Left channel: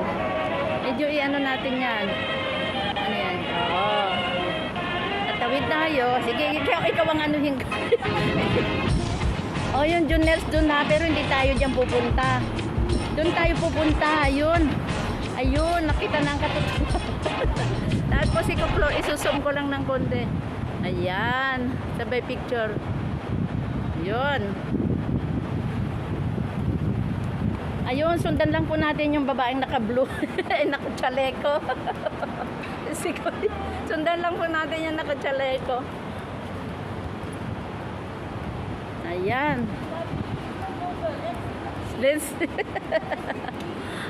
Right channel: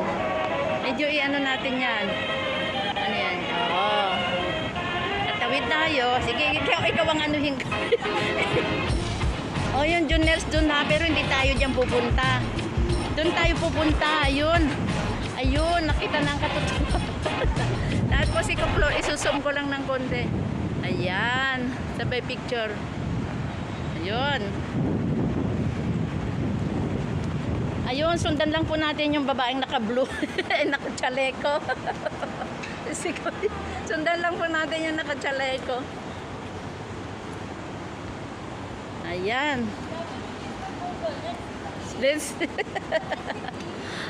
yan. Medyo i-ano natin yan. Ano yan? Oo. Tawid tayo. Sige, ikaw ang anuhin ka. Oh, yung juniors doon na, pero hindi tayo dyan pupunta. Doon tayo pupunta. Ayun. Ayun, nakita na ang katotohanan. Tapos isusum ko lang ng konti. Ayan. Sabay picture. Ayun. Ayun, sundan lang po natin yung babaeng naka-blue. Naka-chaleko. Sundan lang po natin yung naka-chaleko. Ayan.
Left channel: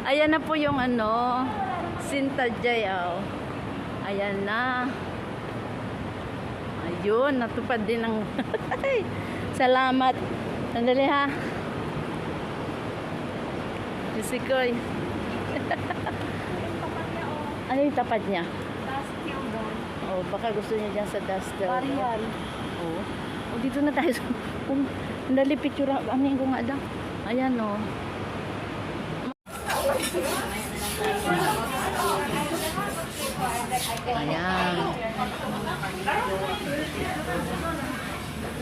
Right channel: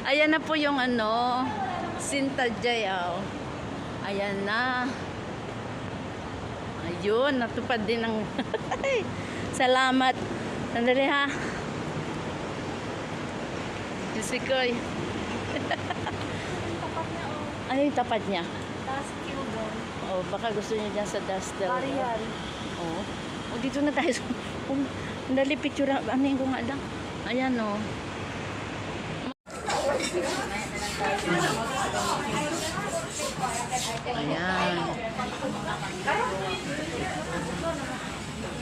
Ayan na po yung ano, Sinta Jay. Oh. Ayan na. Ayun, natupad din ang salamat. Sandali ha. Jusikoy. Ano yung tapat niya? Dustel doon. Oh, baka gusto niya dyan sa Dustel. Arial. Oh. Oh, dito na tayo. Dali picture. Ano yung ko nga lang? Ayan oh. Ayan.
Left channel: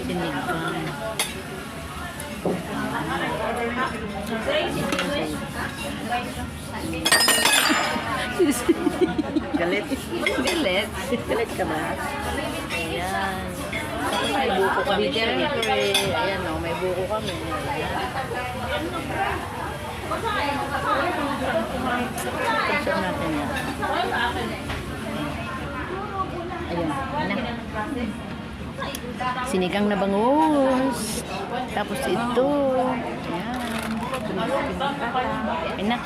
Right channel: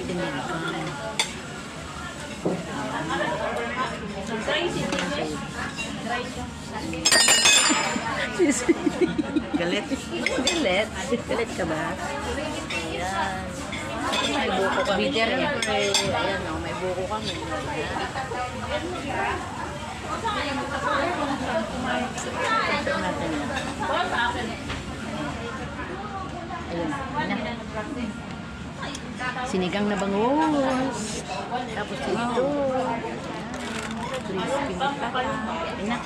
Sinigang. Galit. Galit. Galit ka ba? Ayan. May buko kami. Ayan o, may buko kami. Ayan. Tignan natin yan. Ayun. Sinigang na bangus. Tapos ito. Ayan.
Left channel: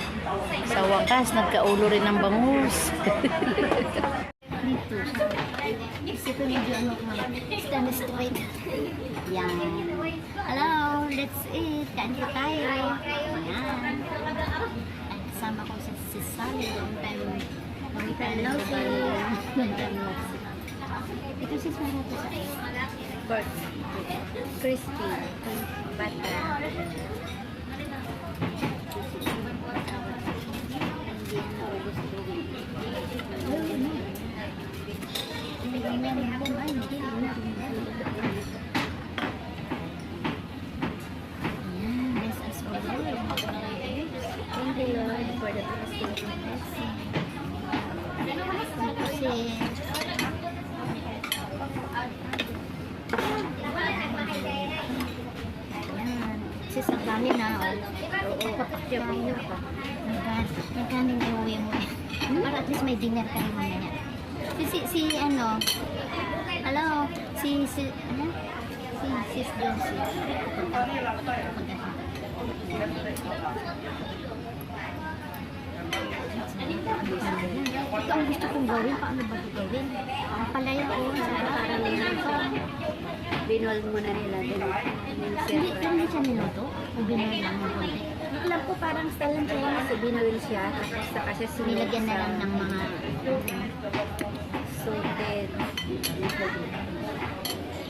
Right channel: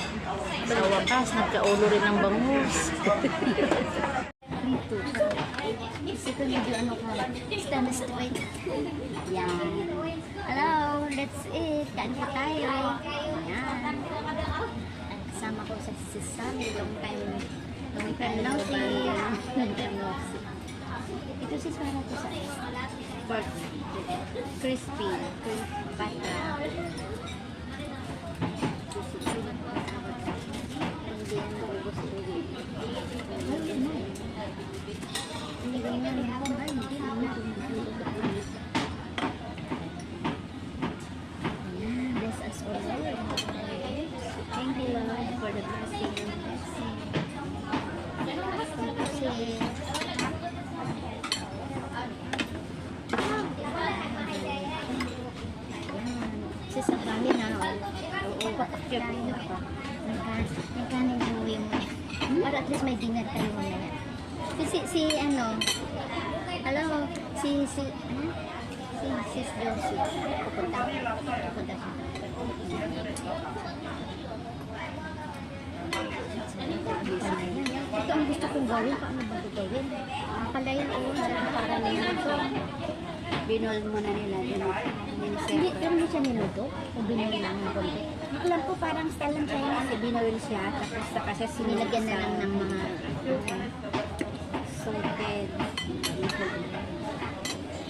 Sa wakas, nagkaulo rin ng bangus. Kasi ito medyo ano ko, stand straight. Yan. Hello, let's eat. Kain pa tayo. Yan. At kasama ko si Sally. Yung ito si Sally ko sa pork. Crispy. Bata. Sa dami na ako. Papakyamin pa. Nagkaning umuwi mo. Para at least may dinner kayo mamaya. Si ano, hello, si sister. Pupunta. Ito ang gusto kong gawin. Paano ba ito gawin? Palaya ko. Para lang binol mo na nila din. Hindi, pero hindi siya niluto. Kung binol lang ng konti. Alam ko parang style lang siya kasi binol siya. Saka siya sinilagyan na lang ng mga sorted.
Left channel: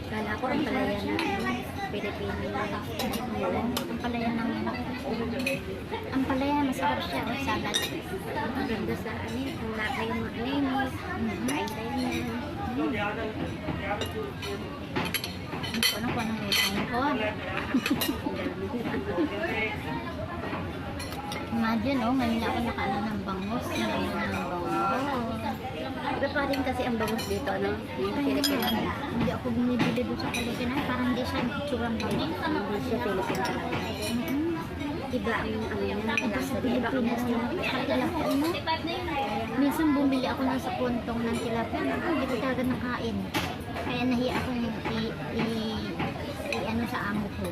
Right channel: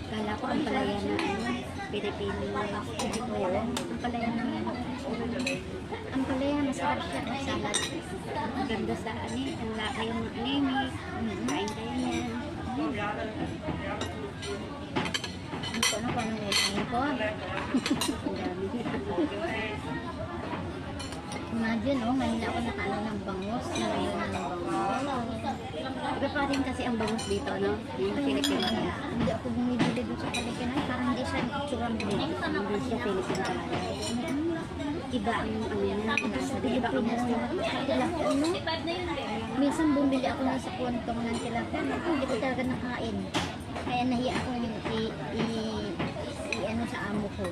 Kala ko ang palaya na Pilipino. Ang palaya na ang palaya masarap siya ng salad. Ang ganda sa ano, ang laki yung mga anemic. Kain-kain yan. Ano ko anong nilangin ko? Imagine, ngayon ako nakaano ng bangus. Nalayo na ng bangus. Iba pa rin kasi ang bangus dito, no? Yung Pilipinas. Hindi ako bumibili doon sa Pilipinas. Parang hindi siya tsurang bangus. Ang gusto Pilipinas talaga. Iba yung ano yung nakalasa. Iba ko na rin. Minsan bumili ako na sa kontong ng tilapia. Hindi ko talaga nakain. Kaya nahiya akong ano sa amo ko.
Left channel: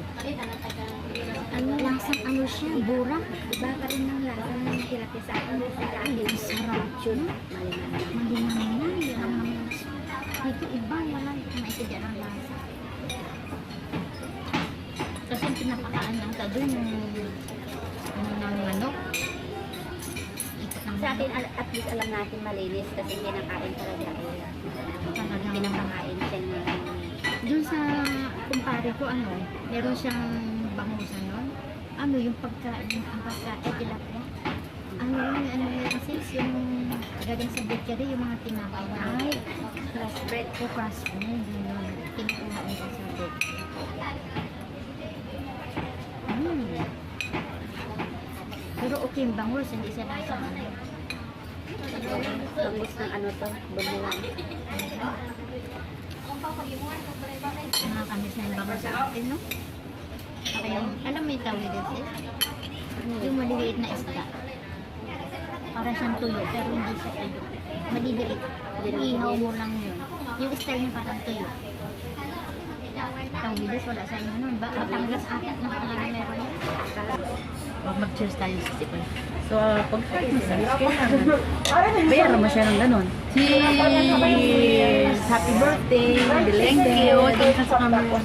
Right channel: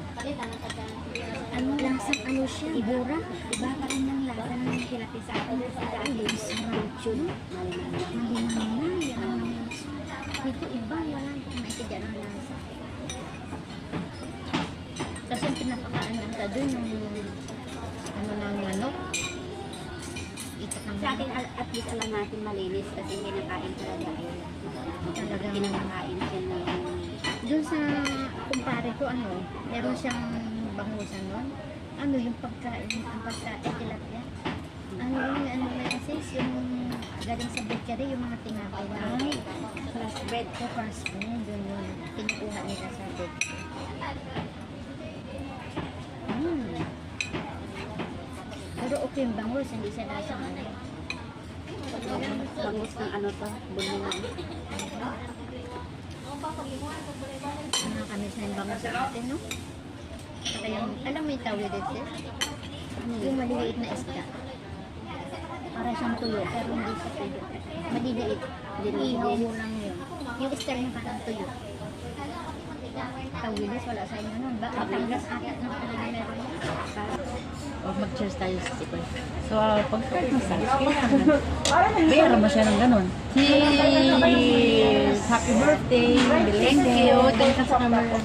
Ano lasang ano siya? Ibura. Iba ka rin ng lasa ng tilapia sa akin. Hindi sarap yun. Maliman. Dito iba. Wala naitidyan ang lasa. Kasi pinapakaan lang ka dun ng manok. Sa atin, at least alam natin malinis kasi hindi nakain talaga. Talagang pinapakain siya ng doon sa kumpare ko, ano, meron siyang bangusan nun. Ano, yung pagkain tilapia. Ano bakery, yung mga tinapay na. Ay, crossbread. O crossbread, yun yung tinkuha nila sa bed. Pero okay yung bangus, hindi siya nasa ano. Bangus ng ano to, bumuan. Nakakamis na yung bangus sa atin, no? Kaya, alam mo yung tawid ito? Yung maliliit na isda. Para siyang tuyo, pero hindi siya tuyo. Maliliit. Ihaw mo lang yun. Yung style niya parang tuyo. Tawilis, wala sa inyo nun. Batangas ata, nakalagay meron yan. Huwag mag-cheers tayo sa sipin. So, pag-start mo sa bayaran mo siya ng ganun. Cheers! Happy birthday! Thank you! Thank you sa camera.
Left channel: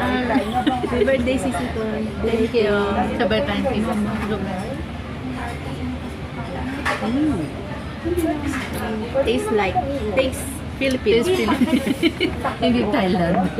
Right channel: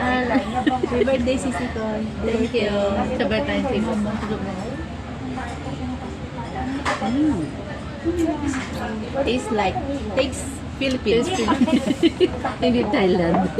Happy birthday, Sisi Toy. Thank you. Sa birthday kay Mama. Tastes like, tastes Philippines. Hindi Thailand.